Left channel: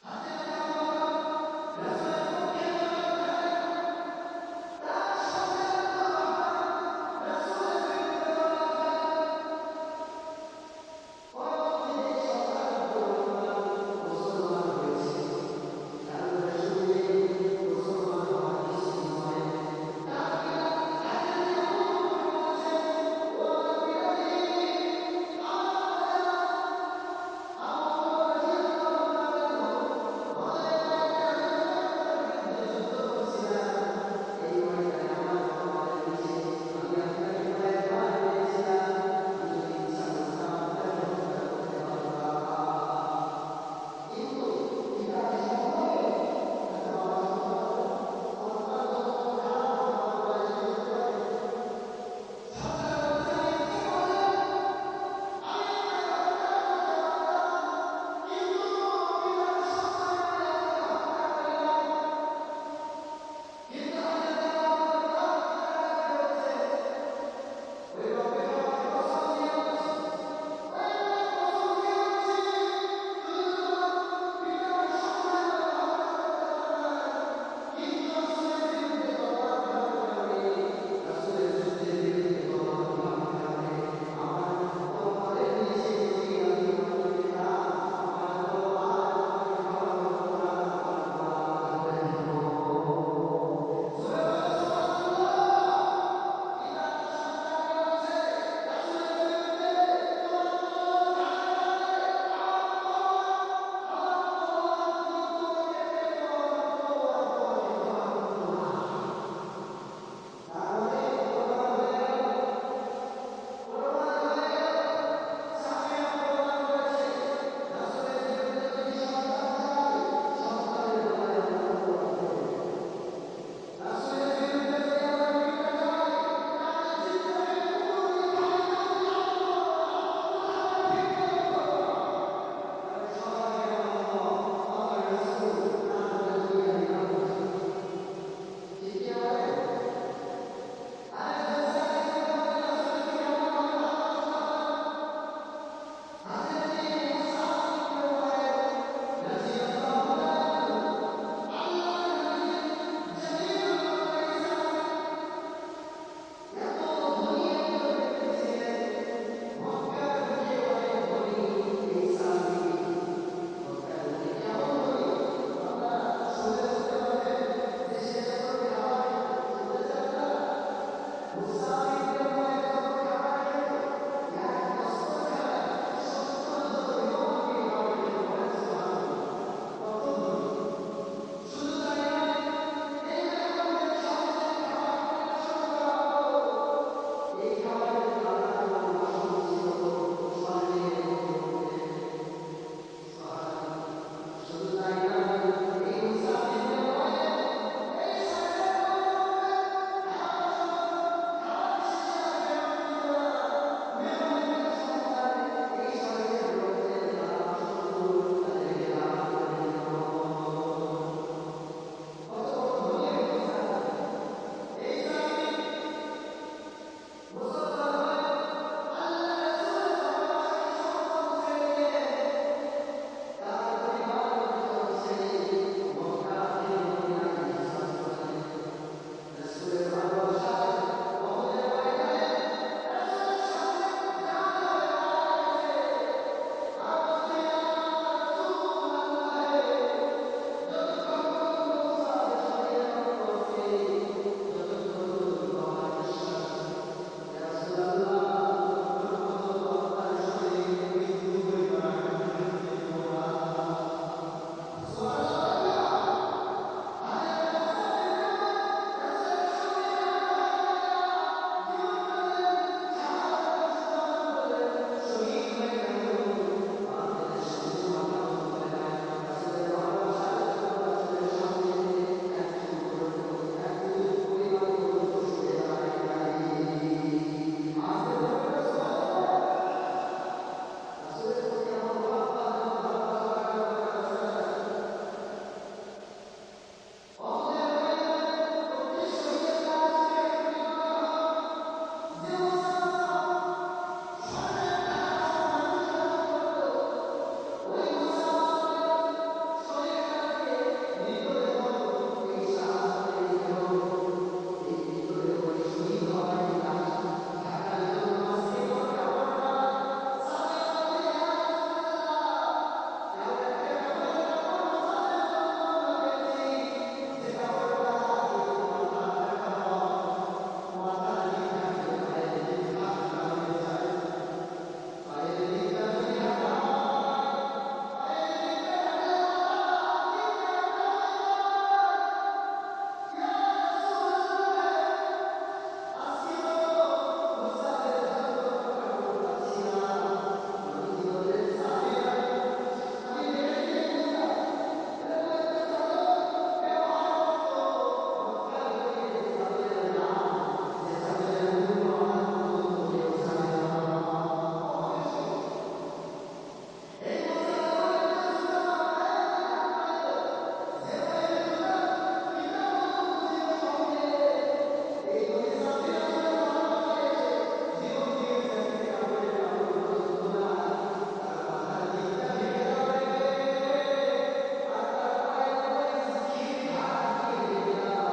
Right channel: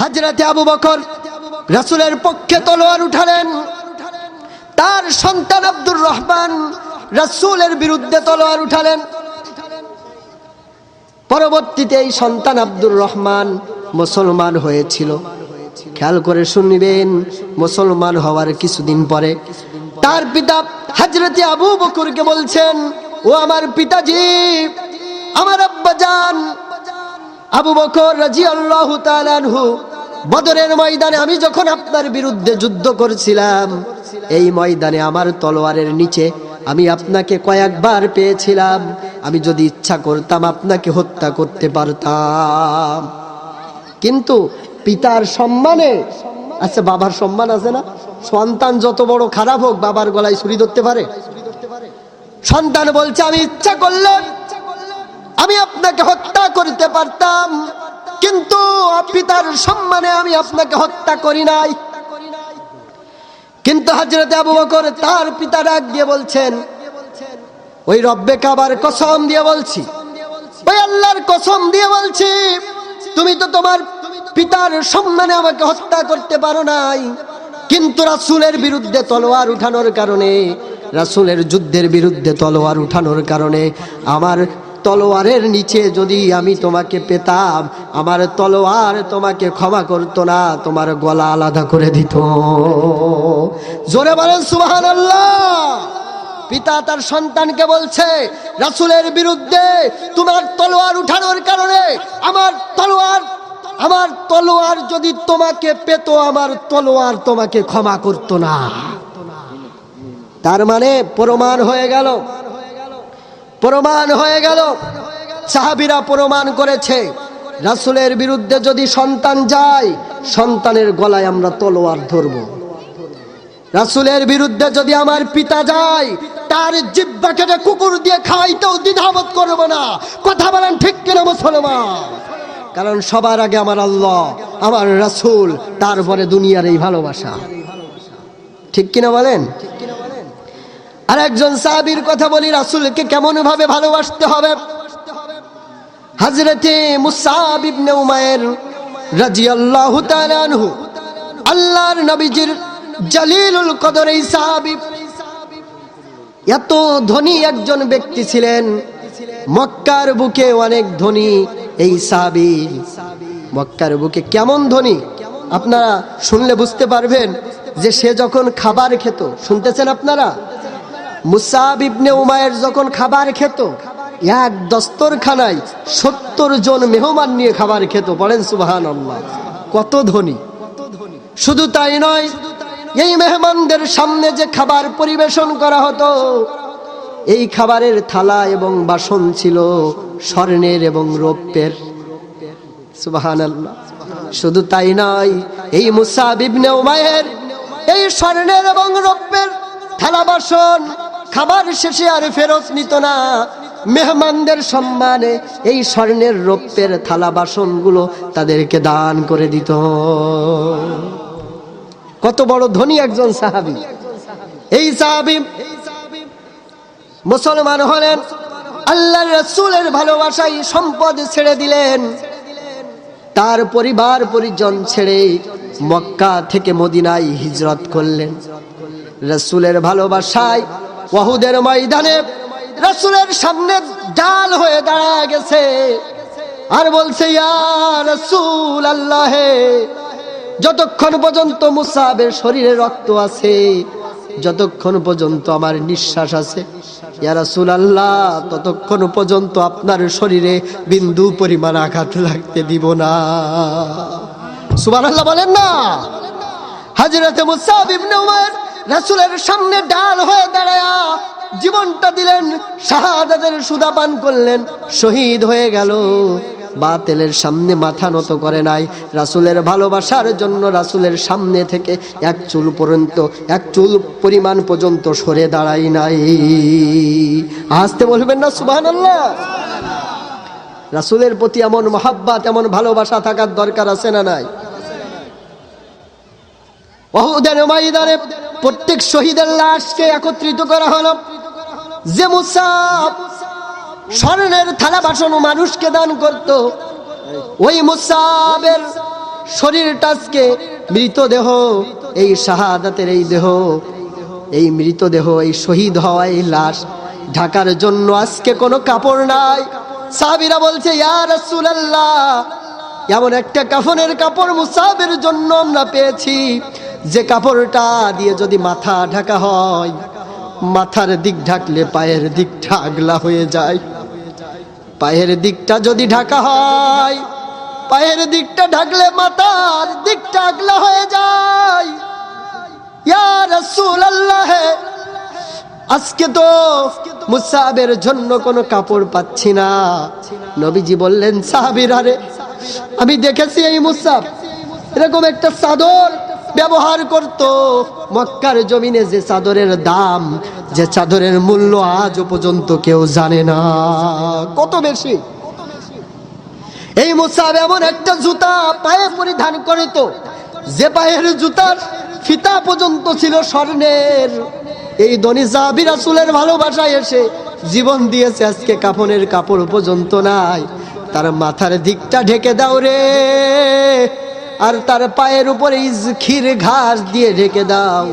হযরতে আবু বকর রাসূলের পক্ষে তলোয়ার উঠালেন, তার সন্তান আব্দুর রহমান রাসূলের বিরুদ্ধে তলোয়ার উঠালেন। পরবর্তীতে এই সন্তান আব্দুর রহমান মুসলমান হয়েছিল। খেয়াল করে শুনবেন, মুসলমান হওয়ার কিছুদিন পরে তার পিতা হযরতে আবু বকরকে বলছেন, ও আমার পিতাজি, আমার আব্বাজান আবু বকর রাদিয়াল্লাহু তাআলা আনহু, বদরের ময়দানে আমি যখন আপনার বিরুদ্ধে যুদ্ধ করছিলাম, এই ময়দানে আমার তলোয়ারের নিচে আমি আপনাকে কয়েকবার পেয়েছিলাম। আমি যদি ইচ্ছা করতাম আপনাকে হত্যা করতে পারতাম, কিন্তু পিতার সম্মানে, আচ্ছা বাবার সম্মান আছে না, সন্তান যত বড় খারাপ হোক বাবার গলায় ছুরি ধরতে পারে? সন্তান বলছে, আমি ইচ্ছা করলে আমি আপনাকে হত্যা করতে পারতাম, কিন্তু পিতার সম্মানে আমি আপনাকে হত্যা করি নাই। কিন্তু হযরতে আবু বকর তার পিতা ডাক দিয়ে বলছেন, ওই রব্বে কাবার কসম দিয়ে বলছি, ওই আল্লাহর কসম দিয়ে বলছি, তুমি তো তোমার পিতার সম্মানে আমাকে হত্যা করতে পারো নাই, কিন্তু রাসূলের বিরুদ্ধে তলোয়ার উঠানোর কারণে, রাসূলের যুদ্ধের বিরুদ্ধে তলোয়ার উঠানোর কারণে আমার তলোয়ারের নিচে যদি আমি তোমাকে পেতাম, আমার তলোয়ার তোমাকে ক্ষমা করতো না, তোমার গলা আলাদা করে দিত। জোরে বলেন সুবহানাল্লাহ। পিতা তার সন্তানকে বলছে, রাসূলের বিরুদ্ধে তোমার তলোয়ার উঠানোর কারণে আমার তলোয়ার যদি তোমাকে পেত, আমার তলোয়ার তোমাকে ক্ষমা করতো না। তার মানে প্রমাণ হয়ে গেল, সাহাবীরা প্রমাণ করেছে, রাসূলের বিরুদ্ধে যদি সন্তান যায়, সন্তানের গলায় আমরা তলোয়ার ধরব। রাসূলের বিরুদ্ধে যদি আমার পিতা যায়, তার জিহ্বা কেটে কুকুর দিয়ে খাওয়াইতেও দ্বিধাবোধ করব না। কথা বলেন ঠিক কিনা মুসলমান? কারণ সবার আগে আমার আল্লাহ, আমার রাসূল, তারপরে দুনিয়ার এই ভালোবাসা। ঠিক কিনা বলেন? আর একজন সাহাবীর কথা বলি, রাসূলকে কেমন ভাবে ভালোবাসতে হবে। হযরতে মুসআব ইবনে উমাইর রাদিয়াল্লাহু তাআলা আনহু, আল্লাহর নবীজির জলিলুল কদর এই সাহাবী, এত ধনী একজন ব্যক্তি ছিলেন, মক্কার বুকে অনেক ধনী এই সাহাবী। মক্কার বুকে কেমন ধনী আপনারা শুনলে বুঝতে পারবেন, যে সে যখন খাবার খেত, শুনতেছেন আপনারা, মুসআব ইবনে উমাইর যখন খাবার খেত, এক দস্তরখানায় 70 জন মেহমান নিয়ে খাবার খেত। বলেন সুবহানাল্লাহ, কত ধনী। শুধু তাই নয়, এই মেহমানদের সামনে যে খাবার পরিবেশন করা হতো, এই খাবারের থালা এবং বাসন ছিল স্বর্ণের এবং রৌপ্যের। সুবহানাল্লাহ। শুধু তাই নয়, এই মুসআব ইবনে উমাইর এই স্বর্ণের এবং রৌপ্যের থালা বাসন খাবার শেষে আর ফেরত নিত না। মেহমানদের সম্মানে এই স্বর্ণের রৌপ্যের থালা বাসনগুলো তাদেরকে দান করে দিত। কত বড় ধনী একজন সাহাবী। এই সাহাবী মুসলমান হলেন, আল্লাহর রাসূলের ভালোবাসায় সম্পদ ছেড়ে দিলেন, তার পরিবার পরিজন ছেড়ে মক্কা থেকে মদিনায় হিজরত করলেন। রাসূলের ভালোবাসায় উহুদের ময়দানে রাসূলের সামনে ঢাল হয়ে দাঁড়ায় গেছে, আর বলছে, ইয়া রাসূলুল্লাহ, যতক্ষণ পর্যন্ত মুসআবের শরীরে রক্ত আছে, যতক্ষণ পর্যন্ত আমার নিঃশ্বাস আছে, ইয়া রাসূলুল্লাহ, ততক্ষণ পর্যন্ত আপনার শরীরে বিন্দু পরিমাণ আঘাত লাগতে দিব না। সুবহানাল্লাহ বলেন না। হযরতে মুসআব ইবনে উমাইর রাসূলের সামনে ঢাল হয়ে দাঁড়ায়া জীবনটা দিলেন, শাহাদাতের সুধা পান করলেন, শহীদ হয়ে গেল। বাতিলের সামনে মাথা নত করে নাই, রাসূলের ভালোবাসার জন্য রাসূলের সামনে থেকে এক চুল পরিমাণ পর্যন্ত সরে দাঁড়াই নাই। আসতে বলবেন না সুবহানাল্লাহ? রাসূলের প্রতি এমন মহব্বত, এমন ভালোবাসা থাকার দরকার আছে না নাই? উহুদের ময়দানে প্রত্যেক শহীদের লাশকে একত্রিত করা হলো। যে মুসআব স্বর্ণের থালা বাসন মানুষকে দান করত, ওই মুসআবের শরীরটা আজকে মৃতদেহ, এই শাহাদাতের এই দেহ, এই মৃতদেহ, এই শহীদ হওয়া এই লাশ ঢাকার জন্য আজকে কোনো কাপড় নাই। সাহাবীরা বলছে, ইয়া রাসূলুল্লাহ, এমন একটা কাফনের কাপড় মুসাবের জন্য আমরা পেয়েছি, যে কাপড়টা দিয়ে যদি মাথা ঢাকা হয়, মাথার দিক ঢাকলে পায়ের দিকটা আগলা হয়ে যায়। পায়ের দিকটা যদি ঢাকা হয়, পায়ের দিকটা ঢাকলে মাথার দিকটা আগলা হয়ে যায়। ইয়া রাসূলুল্লাহ, আজকে তো মুসাবের জন্য কোনো কাপড় পাচ্ছি না। নবীজি বললেন, সাহাবীরা রে, আমি দেখেছি এই মুসাব এরকম একটা চাদর ব্যবহার করত মক্কার জমিনে, যে চাদরের দাম, যে চাদরের মূল্য আজও পর্যন্ত কেউ জানে না কত বেশি। এই মুসাব এমন একটা জুতা পায়ে পরিধান করিত, যে পায়ের জুতার ফিতা পর্যন্ত ছিল স্বর্ণের। এই ধনী সাহাবী রাসূলের ভালোবাসায় এসে জীবন দিয়েছে, আজকে কাফনের কাপড় পর্যন্ত নাই। তার মাথার দিকটা ঢেকে দাও রে, আর তার পায়ের উপরে ক্ষীর ঘাস দিয়ে ঢেকে দাও।